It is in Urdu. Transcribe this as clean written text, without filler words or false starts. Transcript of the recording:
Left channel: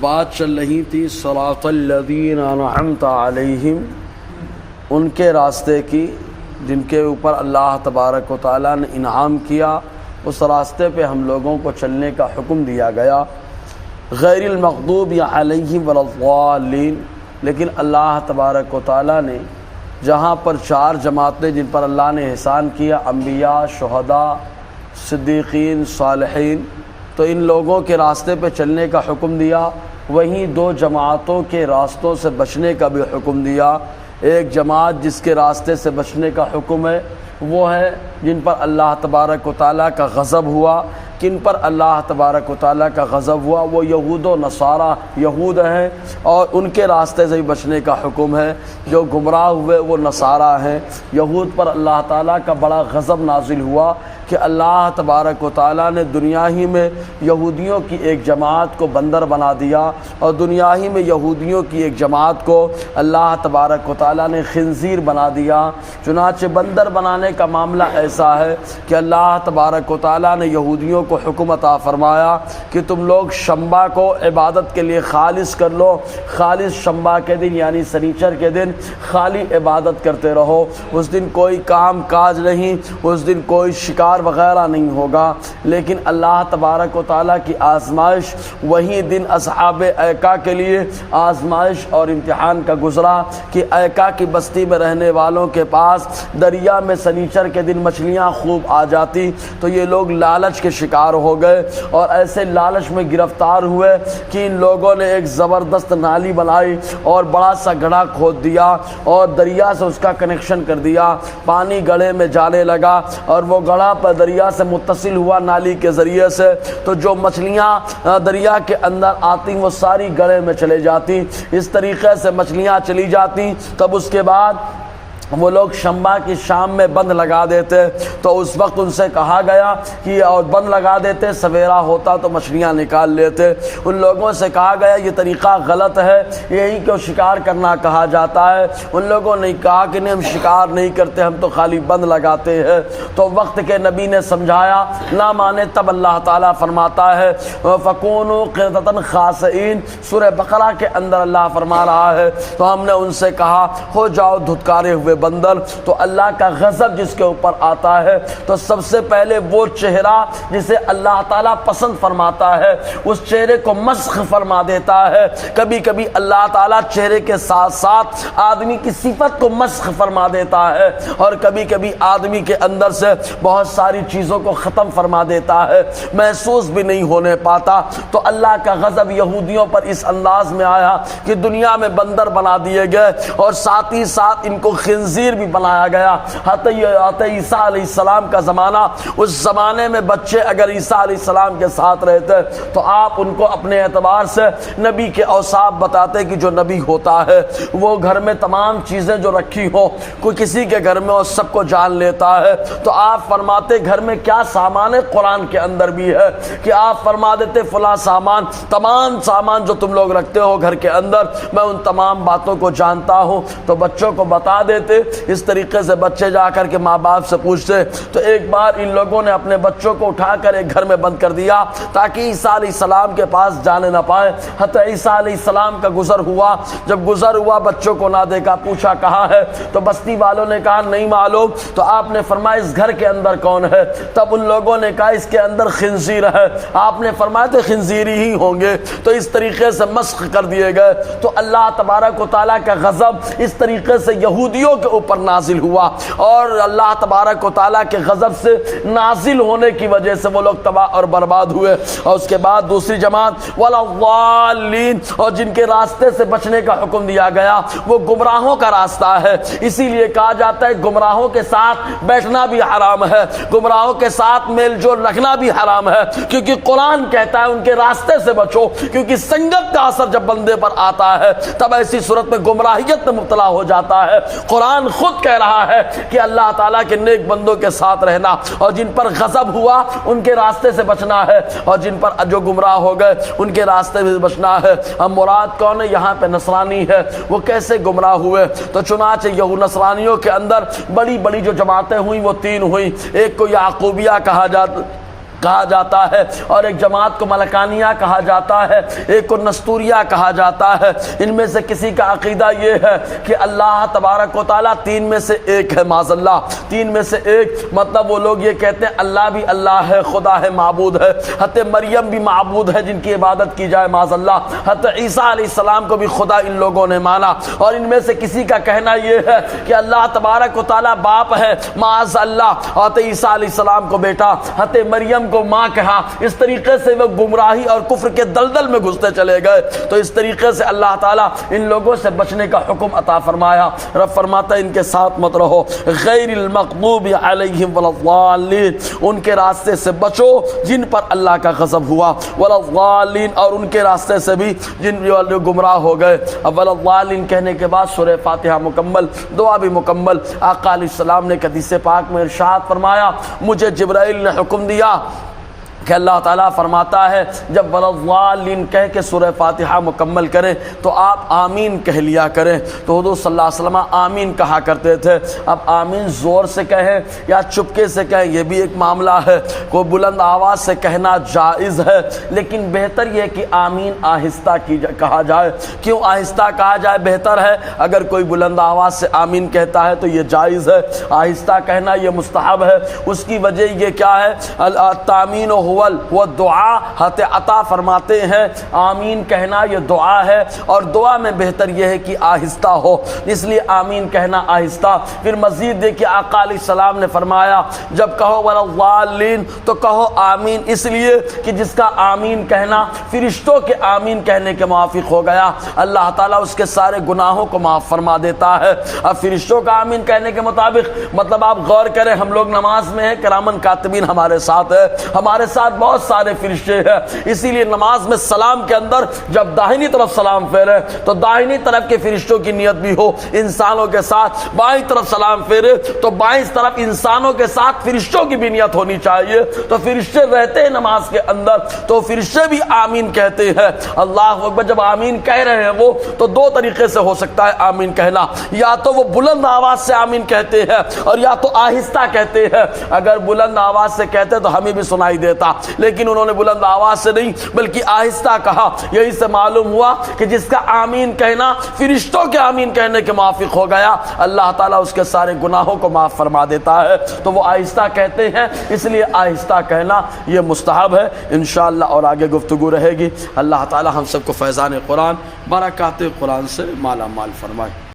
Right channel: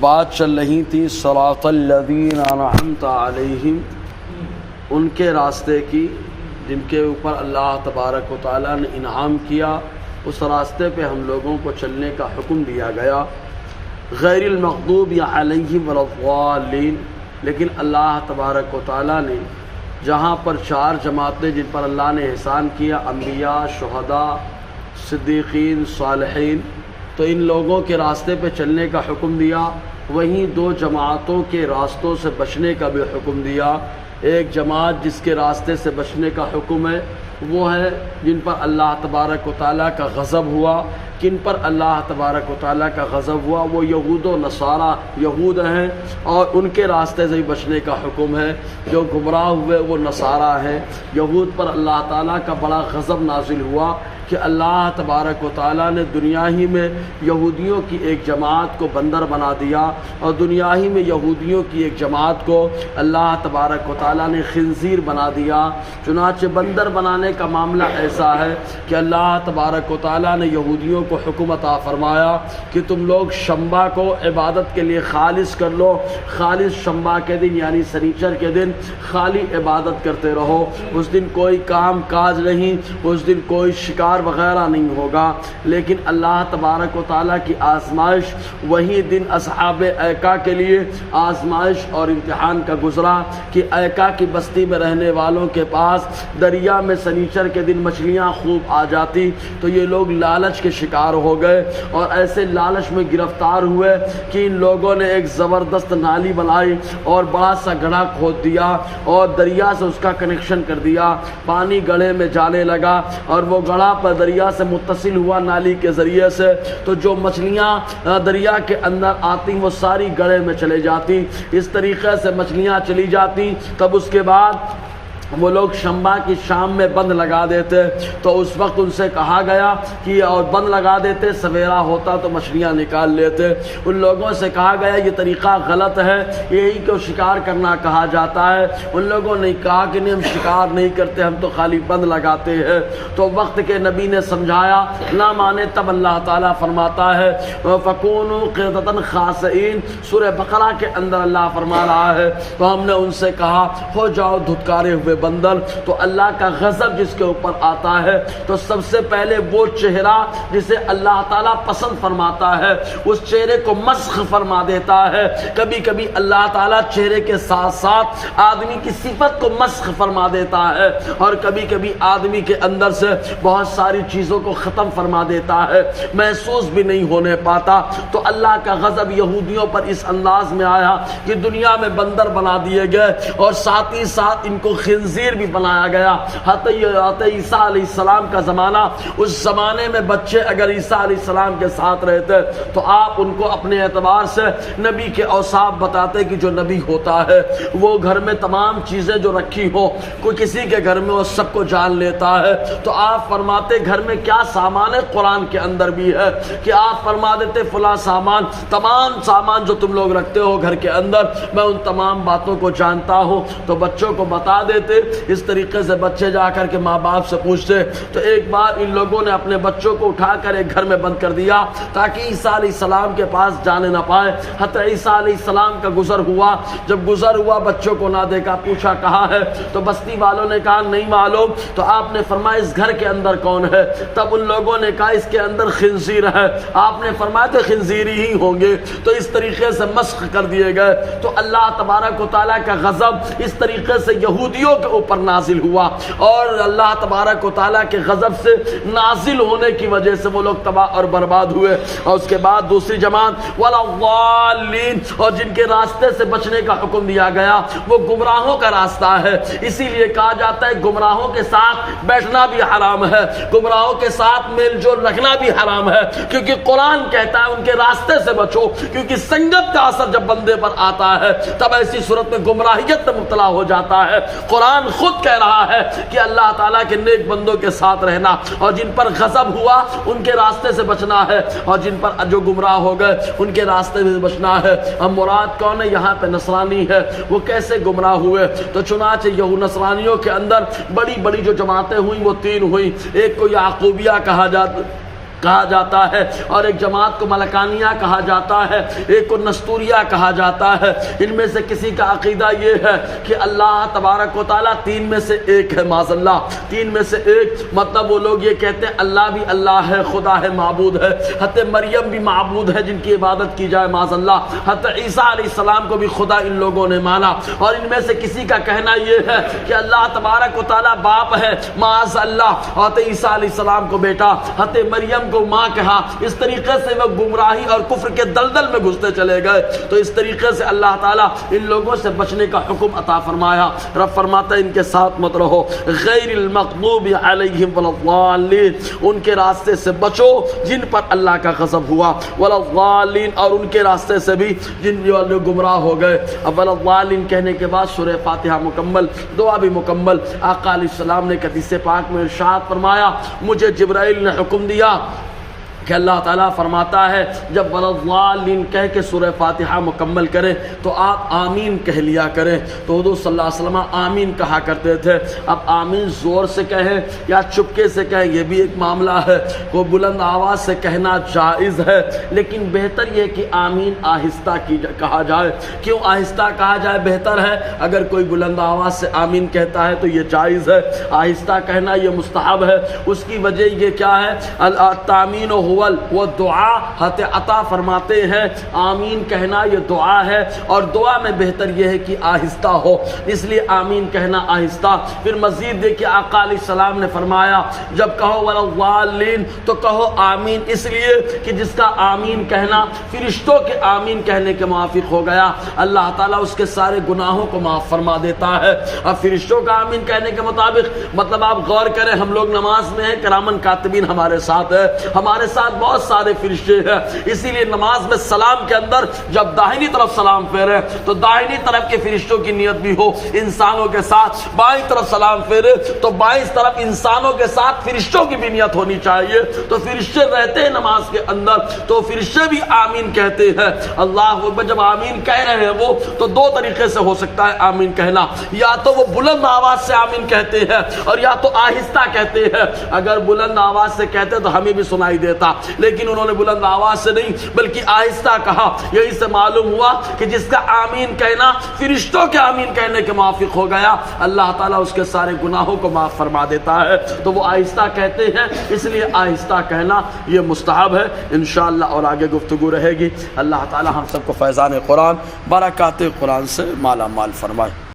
بات چل رہی تھی صراط الذین انعمت علیہم، ان کے راستے کی جن کے اوپر اللہ تبارک و تعالیٰ نے انعام کیا، اس راستے پہ ہم لوگوں کو چلنے کا حکم دیا گیا، غیر المغضوب علیہم ولا الضالین۔ لیکن اللہ تبارک و تعالیٰ نے جہاں پر چار جماعتیں جن پر اللہ نے احسان کیا، انبیاء، شہداء، صدیقین، صالحین، تو ان لوگوں کے راستے پہ چلنے کا حکم دیا، وہیں دو جماعتوں کے راستوں سے بچنے کا بھی حکم دیا۔ ایک جماعت جس کے راستے سے بچنے کا حکم ہے وہ ہے جن پر اللہ تبارک و تعالیٰ کا غضب ہوا۔ کن پر اللہ تبارک و تعالیٰ کا غضب ہوا؟ وہ یہود و نصارہ، یہود ہیں، اور ان کے راستے سے بھی بچنے کا حکم ہے۔ جو گمراہ ہوئے وہ نصارہ ہیں۔ یہود پر اللہ تعالیٰ کا بڑا غضب نازل ہوا کہ اللہ تبارک و تعالیٰ نے دنیا ہی میں یہودیوں کی ایک جماعت کو بندر بنا دیا، اور دنیا ہی میں یہودیوں کی ایک جماعت کو اللہ تبارک و تعالیٰ نے خنزیر بنا دیا۔ چنانچہ بندر بنانے کا معاملہ ایسا ہے کہ اللہ تبارک و تعالیٰ نے یہودیوں کو حکم عطا فرمایا کہ تم لوگ شنبہ کو عبادت کے لیے خالص کر لو، خالص شنبہ کے دن یعنی سنیچر کے دن خالی عبادت کرتے رہو، اس دن کوئی کام کاج نہیں، اس دن کوئی شکار وغیرہ نہیں ہوگا۔ لیکن اللہ تبارک و تعالیٰ کی آزمائش وہی دن اصحاب ایکا کے لیے آزمائش اور امتحان کا گزرا کہ ایکا کی بستی میں رہنے والوں کے پاس دریا میں سنیچر کے دن مچھلیاں خوب آ جاتی، تو یہ لوگ لالچ کے شکار ہو گئے، اور ایسے لالچ میں گرفتار ہوئے کہ ان لوگوں نے ایک زبردست نالی بنائی اور بڑا سا گڑھا کھود دیا اور دریا سے اس کا کنیکشن کر دیا۔ پانی گڑھے میں جانے لگا اور وہ گڑھا پر دریا سے متصل ہوا نالی کے ذریعے سے، تو جو مچھلیاں دریا کے اندر آتی وہ ساری گڑھے میں چلے جاتی۔ اس طریقے سے مچھلیاں چلی جاتی۔ تب اس کے بعد وہ لوگ شنبہ کی شام میں بند لگا دیتے، تو اس وقت ان سے کہا گیا کہ اور بند لگا دیتے، سویرا ہوتا تو مچھلیاں نکال لیتے۔ ان لوگوں سے کہا گیا یہ طریقہ غلط ہے، یہی کہ شکار کرنا کہا جاتا ہے۔ ان لوگوں نے کہا کہ نہیں، ہم شکار نہیں کرتے، ہم تو خالی بند لگاتے ہیں۔ تو وقت کے نبی نے سمجھایا، نہ مانے، تب اللہ تعالیٰ فرماتا ہے فَكُونُوا قِرْدَةً خَاسِئِينَ، سورہ بقرہ کے اندر اللہ فرما رہا ہے۔ تو ہم نے ان سے کہا ہو جاؤ دھتکارے ہوئے بندر۔ تو اللہ کا غضب جس کے اوپر آتا ہے تو سب سے پہلے وہ چہرہ جسے اللہ تعالیٰ پسند فرماتا ہے اس چہرے کو مسخ فرما دیتا ہے۔ کبھی کبھی اللہ تعالیٰ چہرے کے ساتھ ساتھ آدمی کی صفت کو مسخ فرما دیتا ہے، اور کبھی کبھی آدمی کے اندر سے بہت ساری چیزوں کو ختم فرما دیتا ہے، محسوس بھی نہیں ہونے پاتا۔ تو اللہ کا غضب یہودیوں پر اس انداز میں آیا کہ دنیا میں بندر بنا دیے گئے، اور ساتھ ہی ساتھ ان کو خنزیر بھی بنایا گیا۔ حتی عیسیٰ علیہ السلام کا زمانہ، اس زمانے میں بچے اگر عیسیٰ علیہ السلام کے ساتھ رہتے تو آپ ان کو اپنے اعتبار سے نبی کے اوصاف بتاتے کہ جو نبی ہوتا ہے وہ گھر میں تمام چیزیں جو رکھی ہو، کوئی کسی کے گھر میں وہ سب کو جان لیتا ہے۔ تو آپ فرماتے گھر میں کیا سامان ہے، قرآن کے اندر بھی ہے کہ آپ فرما دیتے فلاں سامان، تمام سامان جو تم لوگ رکھتے ہو گھر کے اندر میں ان تمام باتوں کو جانتا ہوں۔ تو بچوں کو بتا دیتے۔ اس طریقے سے بچے جا کر کے ماں باپ سے پوچھتے۔ تو ایک بار ان لوگوں نے اپنے بچوں کو اٹھا کر ایک گھر میں بند کر دیا تاکہ عیسیٰ علیہ السلام کے پاس جانے نہ پائے۔ حتی عیسیٰ علیہ السلام کا گزر ہوا، جب گزر ہوا بچوں کو نہ دیکھا، پوچھا کہاں ہے، تو بستی والوں نے کہا نہیں معلوم۔ تو آپ نے فرمایا اس گھر کے اندر کون ہے؟ تب ان لوگوں نے کہا اس کے اندر خنزیر ہے۔ آپ نے فرمایا تو خنزیری ہی ہوں گے۔ تو اس طریقے سے مسخ کر دیے گئے۔ تو اللہ تبارک و تعالیٰ کا غضب اس طریقے سے یہودیوں کے اوپر نازل ہوا، اور اللہ تبارک و تعالیٰ کے غضب سے نازل ہونے کی وجہ سے وہ لوگ تباہ اور برباد ہوئے۔ اور اس کے بعد دوسری جماعت وَلَا الضَّالِّينَ، اور جن کے راستے سے بچنے کا حکم دیا گیا وہ گمراہوں کا راستہ ہے۔ اسی لیے کہا جاتا ہے گمراہوں کے ساتھ بیٹھنا بھی حرام ہے، گمراہوں کے ساتھ میل جول رکھنا بھی حرام ہے، کیونکہ قرآن کہتا ہے ان کے راستے سے بچو، کیونکہ سنگت کا اثر جب بندے پر آتا ہے تب ایسی صورت میں گمراہیت میں مبتلا ہو جاتا ہے۔ قرآن خود کہہ رہا ہے کہ اللہ تعالیٰ کے نیک بندوں کے ساتھ رہنا، اور جن پر غضب ہوا ان کے راستے سے بچنا ہے، اور جن پر جو گمراہ ہو گئے ان کے راستے سے بچنا ہے۔ ہم مراد کون ہے یہاں پہ؟ نصرانی ہے۔ وہ کیسے گمراہ ہوئے؟ تو چنانچہ یہود نصرانیوں کے اندر بڑی بڑی جو جماعتیں ہوئیں وہ تین ہوئیں۔ ایک کو یعقوبیہ کہا جاتا، کہا جاتا ہے، اور ایک جماعت کو ملکانیہ کہا جاتا ہے، ایک کو نستوریہ کہا جاتا ہے۔ ان میں سے کسی کا عقیدہ یہ ہے کہ اللہ تبارک و تعالیٰ تین میں سے ایک ہے، معاذ اللہ، تین میں سے ایک، مطلب وہ لوگ یہ کہتے ہیں اللہ بھی اللہ ہے، خدا ہے، معبود ہے، حضرت مریم بھی معبود ہے جن کی عبادت کی جائے، معاذ اللہ، حضرت عیسیٰ علیہ السلام کو بھی خدا ان لوگوں نے مانا۔ اور ان میں سے کسی کا کہنا یہ ہے کہ اللہ تبارک و تعالیٰ باپ ہے، معاذ اللہ، حضرت عیسیٰ علیہ السلام کو بیٹا، حضرت مریم کو ماں کہا۔ اس طریقے سے وہ گمراہی اور کفر کے دلدل میں گھستے چلے گئے۔ تو اس طریقے سے اللہ تعالیٰ ان لوگوں سے بچنے کا حکم عطا فرمایا۔ رب فرماتا ہے ان کے ساتھ مت رہو، غیر المغضوب علیہم ولا الضالین، ان کے راستے سے بچو جن پر اللہ کا غضب ہوا، ولا الضالین، اور ان کے راستے سے بھی جن جو گمراہ ہو گئے۔ اب ولا الضالین کہنے کے بعد سورہ فاتحہ مکمل، دعا بھی مکمل۔ آقا علیہ السلام نے حدیث پاک میں ارشاد فرمایا، مجھے جبرائیل نے حکم دیا کہ اللہ تعالیٰ فرماتا ہے جب وَلَضَّالِّينَ کہہ کے سورہ فاتحہ مکمل کریں تو آپ آمین کہہ لیا کریں۔ تو حضور صلی اللہ علیہ وسلم آمین کہا کرتے تھے۔ اب آمین زور سے کہیں یا چپکے سے کہیں یہ بھی ایک معاملہ ہے، کوئی بلند آواز سے کہنا جائز ہے، لیکن بہتر یہ کہ آمین آہستہ کہا جائے۔ کیوں آہستہ کہا جائے بہتر ہے؟ اگر کوئی بلند آواز سے آمین کہتا ہے تو یہ جائز ہے، آہستہ کہنا یہ مستحب ہے۔ اس کی وجہ یہ کیا ہے؟ التامین وہ دعا، حضرت عطا فرماتے ہیں آمین کہنا یہ دعا ہے، اور دعا میں بہتر یہ ہے کہ آہستہ ہو، اس لیے آمین کہنا آہستہ۔ پھر مزید دیکھیں آقا علیہ السلام نے فرمایا جب کہو وَلَضَّالِّينَ تو کہو آمین، اس لیے کہ جس کا آمین کہنا فرشتوں کے آمین کہنے کے موافق ہو گیا، اللہ تعالیٰ اس کے سارے گناہوں کو معاف فرما دیتا ہے۔ اب فرشتوں کا آمین کہنے کے مطابق مطلب آپ غور کریں، ہم لوگ نماز میں ہیں، کرامن کاتبین ہمارے ساتھ ہے، ہمارے ساتھ بہت سارے فرشتے ہیں، اسی لیے نماز میں سلام کے اندر جب داہنی طرف سلام پھیرے تو داہنی طرف کے فرشتوں کی نیت بھی ہو انسانوں کے ساتھ، بائیں طرف سلام پھیرے تو بائیں طرف انسانوں کے ساتھ فرشتوں کی بھی نیت ہونی چاہیے۔ تو فرشتے رہتے ہیں نماز کے اندر تو فرشتے بھی آمین کہتے ہیں۔ اللہ اکبر، جب آمین کہہ رہے ہیں وہ تو دو طریقے سے ہو سکتا ہے آمین کہنا، یا تو وہ بلند آواز سے آمین کہتے ہیں اور یا تو آہستہ کہتے ہیں۔ اگر بلند آواز سے کہتے تو ہمیں بھی سنائی دیتا، لیکن انہوں نے بلند آواز سے نہیں بلکہ آہستہ کہا۔ یہی سے معلوم ہوا کہ جس کا آمین کہنا فرشتوں کے آمین کہنے کے موافق ہو گیا، اللہ تعالیٰ اس کے سارے گناہوں کو معاف فرما دیتا ہے۔ تو وہ آہستہ کہتے ہیں، اس لیے آہستہ کہنا یہ مستحب ہے۔ انشاءاللہ اور آگے گفتگو رہے گی۔ اللہ تعالیٰ ہم سب کو فیضان قرآن، برکات قرآن سے مالا مال فرمائے۔